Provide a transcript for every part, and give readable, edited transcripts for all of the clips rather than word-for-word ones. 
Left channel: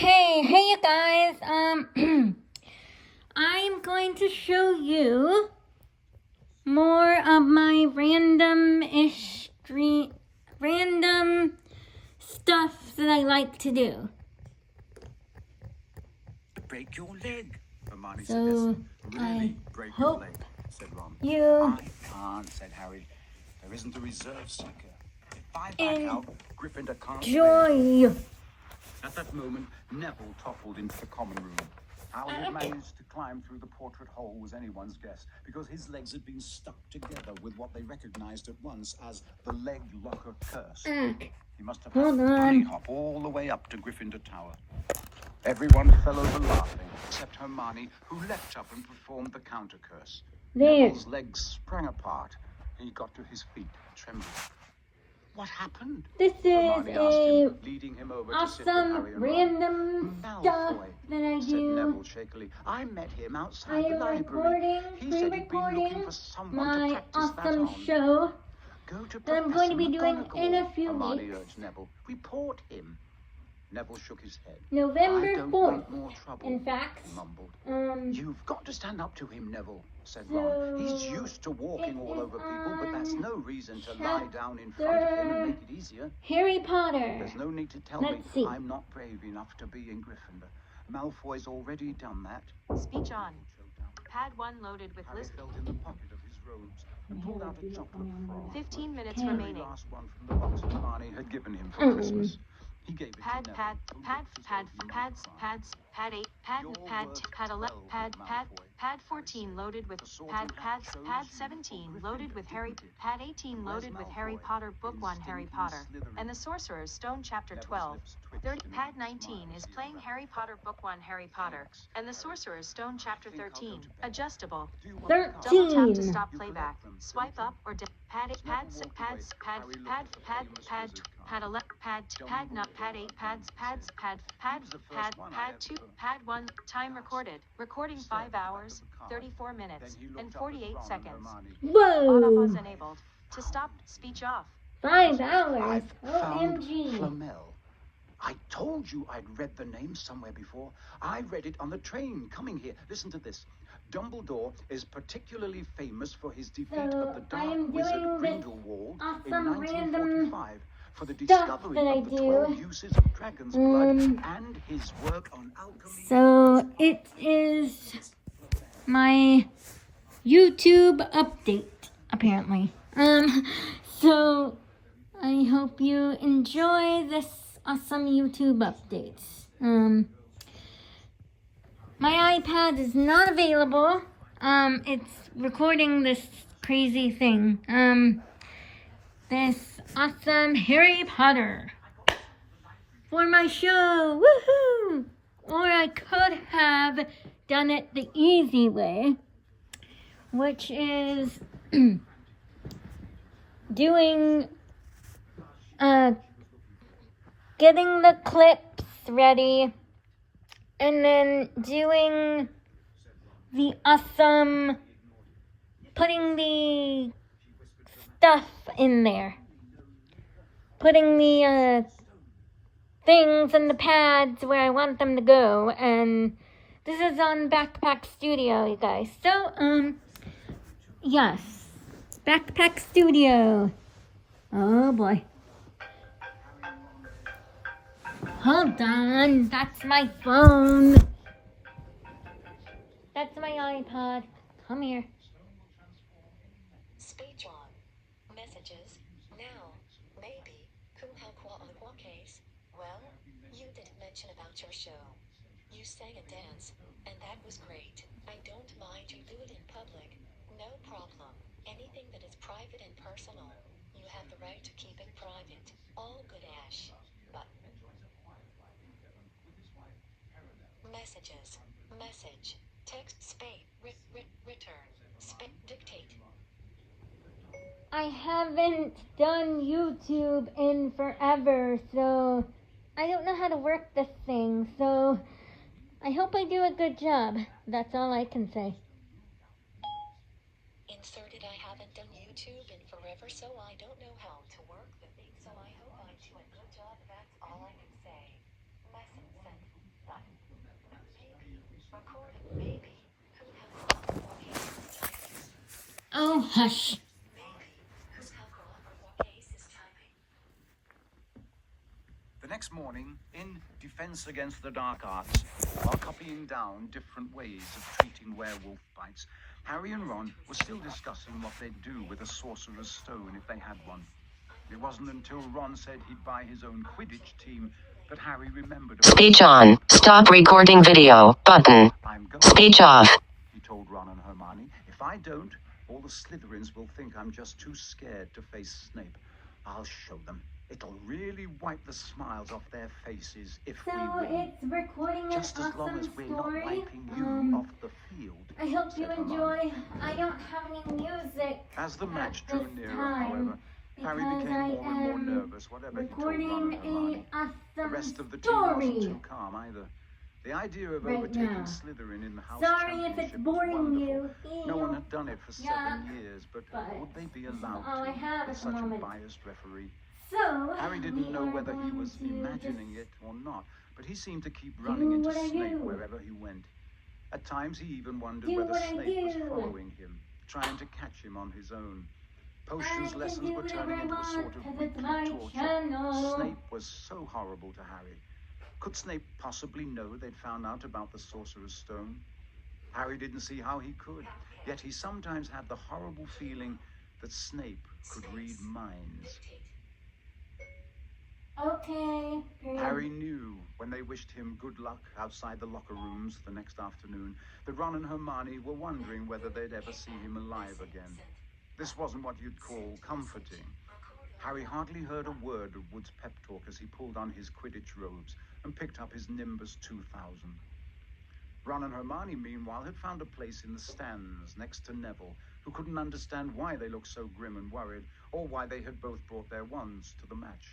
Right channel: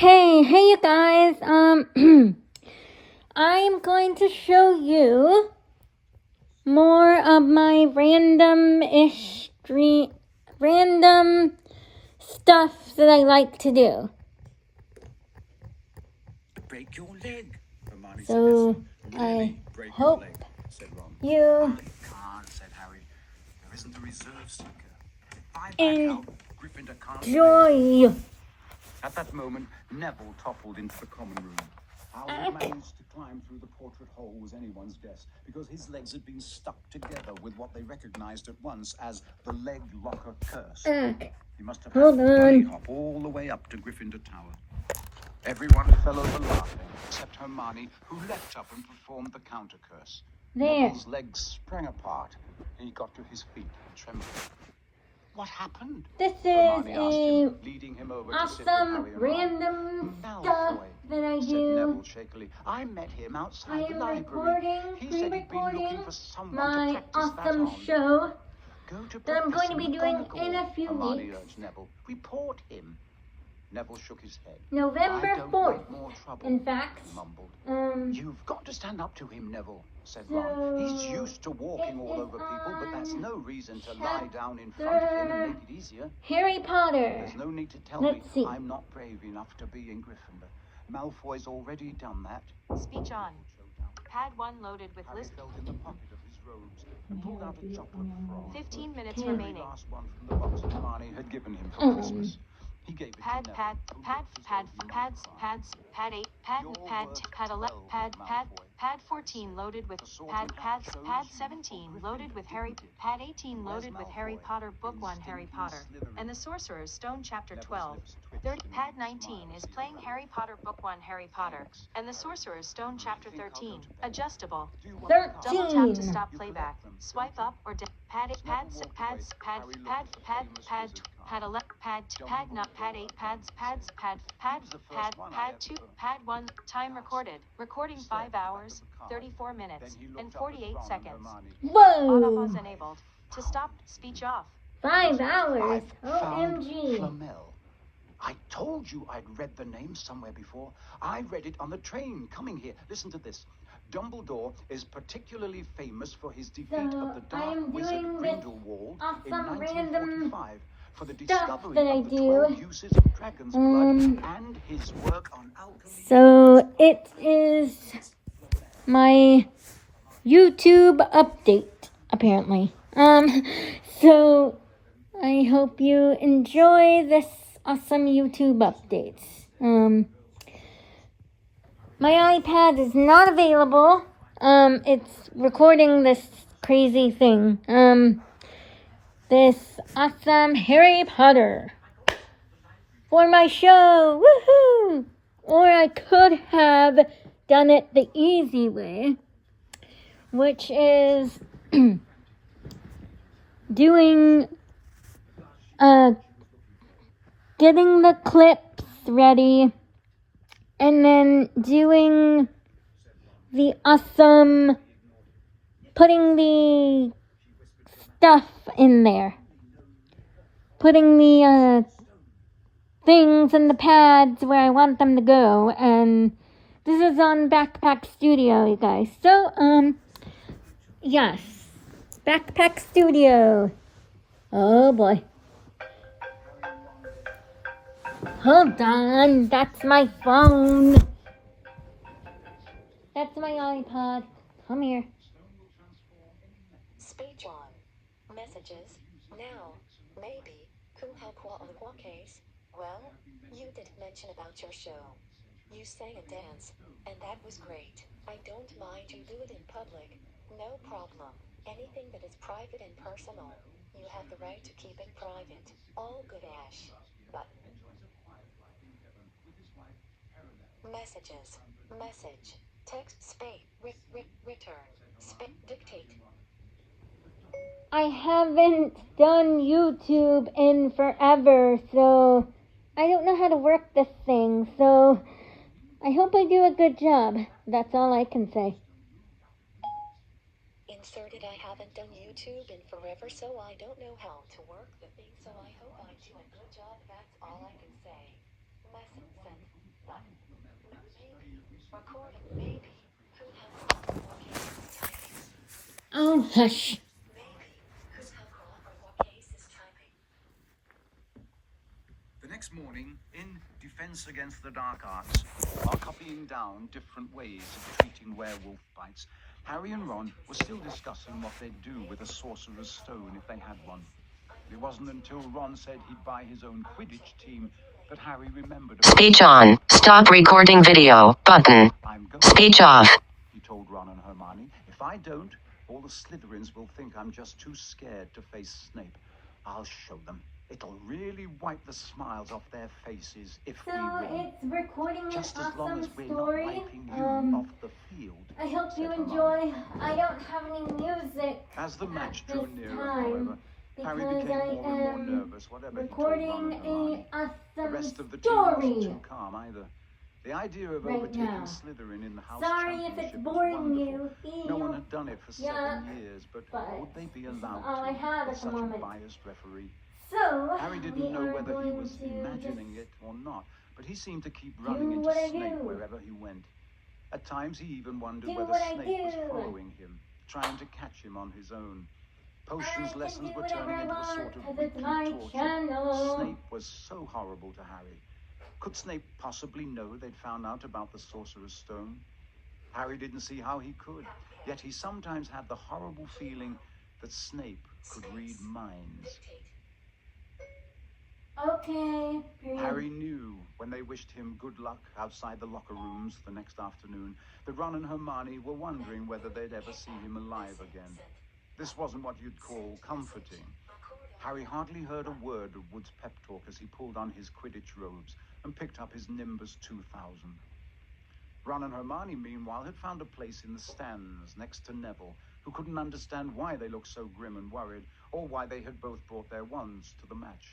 Hey you guys, I am going to show you more of my random stuff that I like to do. Break your leg, Hermione So, said. I Really break hope your leg, said Ron. you I can't, said Harry. There isn't a reserve seeker. If I back out, Gryffindor can't play. enjoy. At that moment, Neville toppled into the common room. How he managed to climb through the portrait hole was anyone's guess, because his legs had been stuck together with what they recognized at once as the leg locker curse. He must have had to bunny hop all the way up to Gryffindor Tower. Everyone fell over laughing, except Hermione, who leapt up and performed the counter curse. Neville's legs sprung apart. He got to his feet, trembling. What happened? This is him, leading him over awesome random stuff that I do. Neville shakily. I met him outside the library. Pre-recording my awesome show that I'm going to be doing in a few weeks. Neville. Report him. Neville shook his head. November 4th, in fact. He mumbled. You've got to stand up to him, Neville, said Ron. He's used to walking all over people, but that's no reason to lie down in front of him and make it easier. Harry Potter. There's no need to tell me I'm not brave enough to be in Gryffindor. Malfoy's already done that. Speech on. Pad 1 loaded with list. Felt in the pocket of his robes and pulled out a chocolate frog. 15 minutes remaining. The last one from the box Hermione had given him for Christmas. He gave it pad to 14 loaded with pad 17 loaded with pad 18 loaded with Harry Potter Book 1 Harry Potter and the Sorcerer's Stone Chapter 12. Pad 19 is playing Harry Potter Book 1 Harry Potter and the Sorcerer's Stone Chapter 13. Adjustable. 13. Double tap to stop playback. Swipe up or down. Pad 2, pad 1, time recorded. Recording 5 hours, 34 minutes, and 48 seconds. Whoa! Autopause enabled. To stop, speech off. 5 hours. OMG. Flamel. I told you I'd read the name somewhere before. I read it on the train coming here. Listen to this. Dumbledore is particularly famous for his defeat of the Dark Wizard Grindelwald in 1945. For the discovery of the 12 uses of dragon's blood and his work on alchemy. So it is my YouTube update, apparently. So I hope you enjoy this awesome YouTube updates. My iPad is not available. It's recording this crazy thing. This awesome Harry Potter for my show. Woohoo! Or I could have done it the easy way, which is doing getting the clips ready and then doing the awesome putting the stuff in there. Putting the things in the pads where I want them to go. And this is on Backpack Studio, you guys. So, yes. Backpack Studio. Oh boy. Hold on. That's my phone. That's my iPod. Come here. Speech on. Messages. Now. Maybe. Case. Well, you did mention about your show. You sang and danced, and that was great. I don't mind you do it in public. No problem. Anything that is private and personal, you have the right to keep it private. All good, Ash. But messages. Message. Text space. Return. Dictate. I haven't done YouTube in forever, so I don't know how to work this thing, so I hope I do a good job. That's all I can say. Inserted. I haven't done YouTube in forever, so I don't know how to work the thing, so I hope I do a good job. That's all I can say. Message sent. Hush. The next morning, in Defense Against the Dark Arts, focusing down different ways of treating werewolf bites, Harry and Ron were still discussing what they'd do with a sorcerer's stone if they had one. It wasn't until Ron said he'd buy his own Quidditch team that Harry remembered. Speech on. Stop recording video. Button. I'm going. Speech off. He told Ron and Hermione. If I don't, all the Slytherins will think I'm just too scared to face Snape. I'll show them. It'll really wipe the smiles off their faces if So we win. it's recording an Just as long as awesome we're story. not wiping you off the field. I hope you said enjoy. Hermione. I don't have any music As the match at drew this nearer, time, however, Harry because became I more and more am nervous, whatever he told recording Ron and Hermione. a The awesome rest of the team wasn't story. too calm either. The idea of Right overtaking now. Slytherin in the House Sorry if Championship it's was boring wonderful. you. No one had done it for Yeah, 7 years, but but would they be this is allowed all I to have with at the such a moment. biased referee? So Harry we didn't know are whether he going was to imagining just it or not, but he seemed to keep running into what I Snape do. wherever he went. At times he even wondered Do whether what I Snape was do. following him, trying to catch him on his own. Potions I lessons can do were turning whatever into I a sort want, of 'cause it's weekly my torture. channel. Snape was so horrible to Harry. Could Snape possibly know they'd found out about the Sorcerer's Stone? Harry didn't see how he could, yet he sometimes had the horrible feeling that Snape could read minds. Okay. Period. Harry knew when they wished him good luck outside the locker rooms the next afternoon that Ron and Hermione were wondering whether they'd ever see him alive again. This wasn't what you'd call comforting. Harry hardly heard a word of Wood's pep talk as he pulled on his Quidditch robes and picked up his Nimbus 2000. Ron and Hermione, meanwhile, had found a place in the stands next to Neville, who couldn't understand why they looked so grim and worried, or why they had both brought their wands to the match.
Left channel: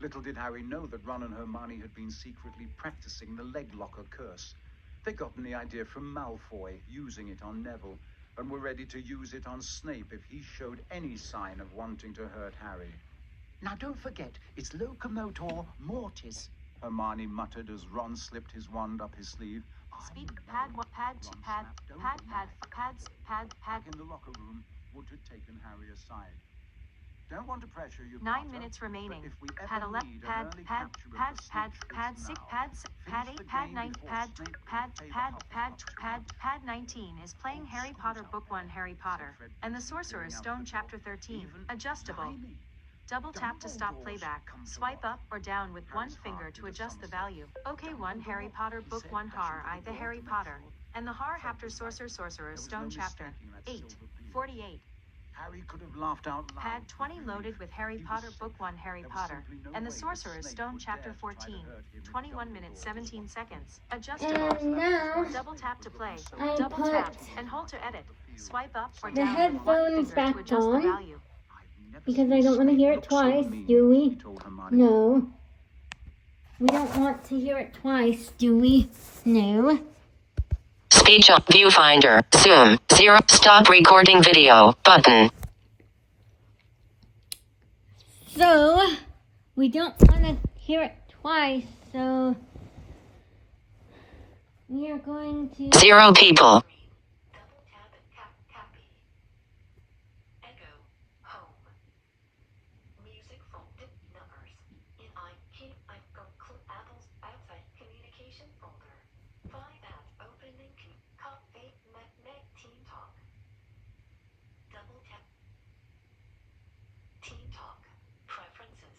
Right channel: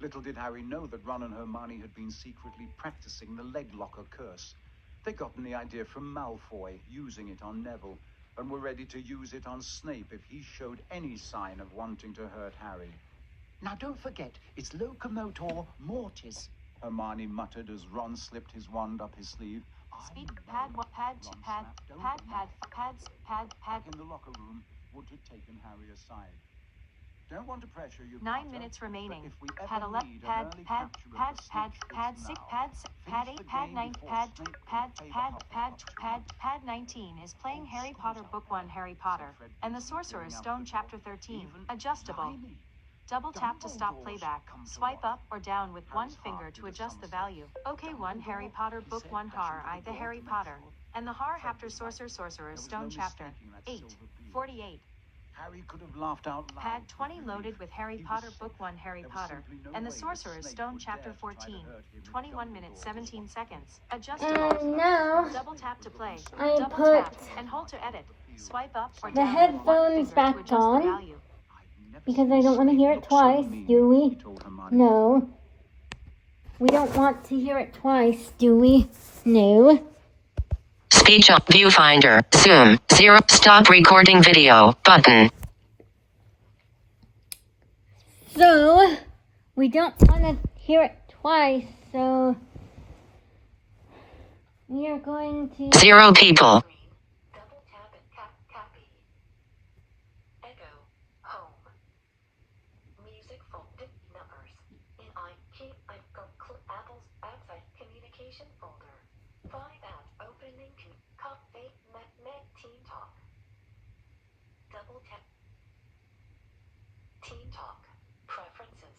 Little did Harry know that Ron and Hermione had been secretly practicing the leg locker curse. They'd gotten the idea from Malfoy, using it on Neville, and were ready to use it on Snape if he showed any sign of wanting to hurt Harry. Now don't forget, it's Locomotor Mortis. Hermione muttered as Ron slipped his wand up his sleeve. Speed pad Ron snapped. Don't pads pad. Back in the locker room, Wood had taken Harry aside. Don't want to pressure you, 9 Potter, minutes but remaining. if we Pad ever 11, need an pad, early pad, capture of pad, the pad, Snitch, pad it's 6, now. pad, pad Finish 8, the pad game 9, before pad, Snape can pad, pay the pad, pad, Hufflepuff pad, tribute. pad 19 is playing Harry Potter Book 1 Harry Potter and the Sorcerer's Stone Chapter 13, adjustable. Double tap to stop playback. Swipe up or down with one finger to adjust the value. OK 1 Harry Potter Book 1 Har I the Harry Potter and the Har After Sorcerer's Stone Chapter 8, 48. Harry could have laughed out loud. Pad with 20 relief. loaded with Harry He was Potter safe. Book 1 Harry There was Potter simply no and the way that Sorcerer's Snape Stone would Chapter dare to try to 14, hurt him if 21 minutes Dumbledore was 17 watching. seconds. Adjustable. And now Double tap to play. I Double put tap and hold to edit. Swipe up or the down with one headphones finger back to adjust on, the value. I've never because seen I don't want to Snape hear it look so twice, mean, do we? he told Hermione. No. We don't want to hear it twice, do we? No. Speech on. Viewfinder. Zoom. 0. Stop recording video. Button. So, we don't want to hear it twice, so we are going to... 0 people. Double tap and copy. Echo. Home. Music folder. Numbers. In apples outside communication folder. 5 app opening copy Mac Team Talk. Double tap. Team Talk. Preferences.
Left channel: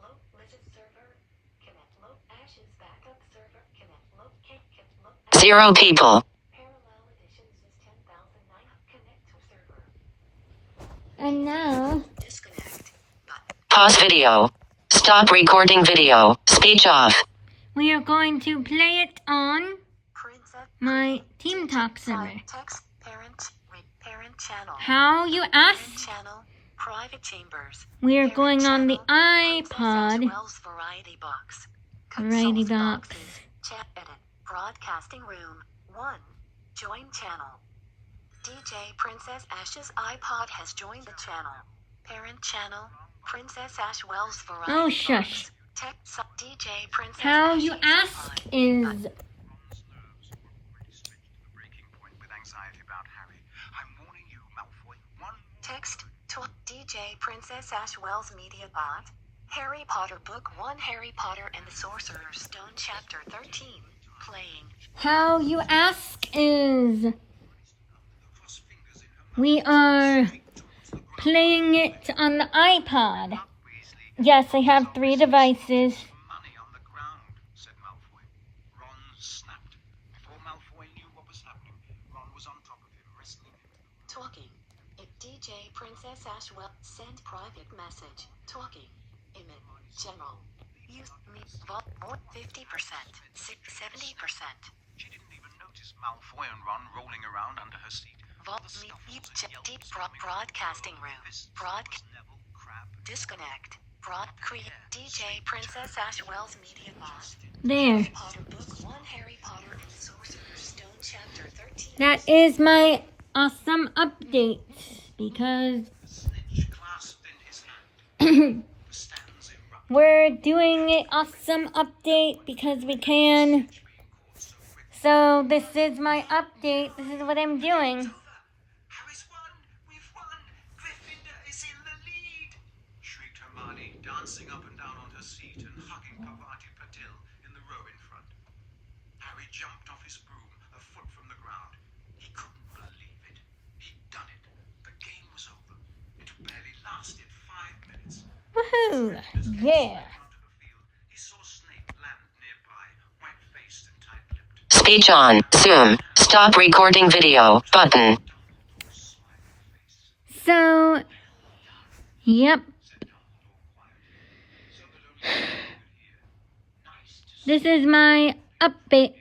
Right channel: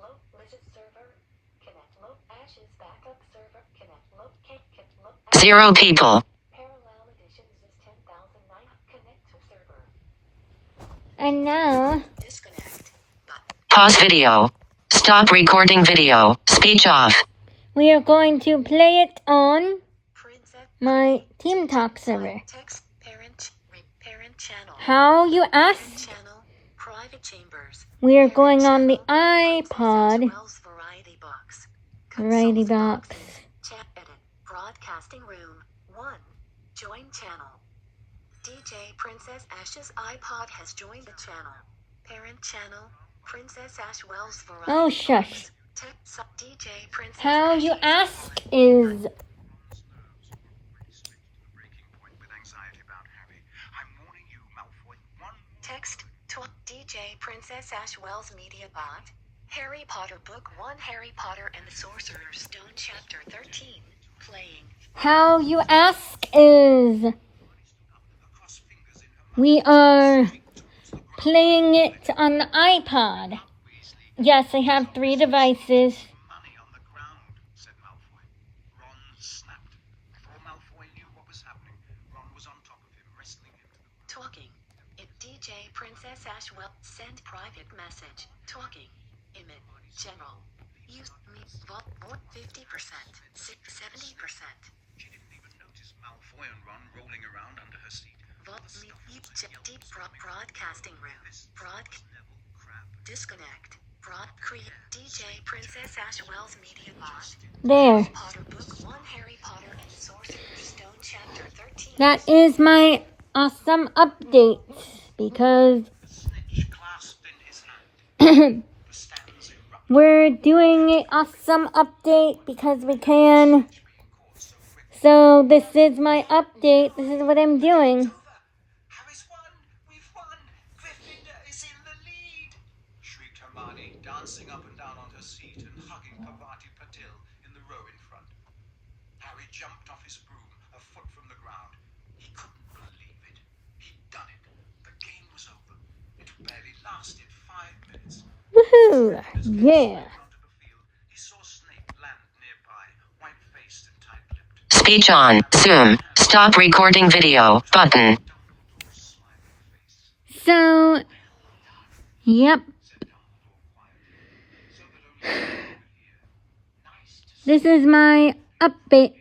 Low Lizard server. Connect low Ashes backup server. Connect low low 0 people. Parallel editions is 10,009. Connect to server. And now, Disconnect. Pause video. Stop recording video. Speech off. we are going to play it on Princess my Team Talk server. text parent channel. How, you ask? Channel private chambers. We are going on the Princess iPod. Wells variety box. Variety Consult box. boxes. Chat edit. Broadcasting room 1. Join channel. DJ Princess Ash's iPod has joined the channel. Parent channel. Princess Ash Wells variety Oh, shush. box. Text DJ Princess How, you Ash's ask, is... Ron's nerves had already stretched to the breaking point with anxiety about Harry. I'm warning you, Text to DJ Princess Ashwell's Media Bot. Harry Potter Book 1 Harry Potter and the Sorcerer's Stone Chapter 13. Playing. How you ask is we are playing it on the iPod. Yes, I have 3 devices. Money on the ground, said Malfoy. Ron snapped. Before Malfoy knew what was happening, Ron was on top of him, wrestling him. Talking. It DJ Princess Ashwell. Send private message. Talking. Image. General. Use me. Vault 50%. 70%. She didn't even notice Malfoy and Ron rolling around under her seat. Vault me. Deep broadcasting room. Disconnect. Create DJ Princess Ashwell's Media Bot. There. Potter Book 1 Harry Potter and the Sorcerer's Stone Chapter 13. That is my awesome update because The snitch clasped in his hand. The stands erupted. we're doing an awesome update because we can. So this is my update. This is what I'm doing. Harry's won! We've won! Gryffindor is in the lead! Shrieked Hermione, dancing up and down on her seat and hugging Parvati Patil in the row in front. Harry jumped off his broom, a foot from the ground. He couldn't believe it. He'd done it. The game was over. It barely lasted 5 minutes. Woohoo! As Kate Yeah. slipped onto the field, he saw Snape land nearby, white-faced and tight-lipped. Speech on. Zoom. Stop recording video. Button. So, yep. This is my update.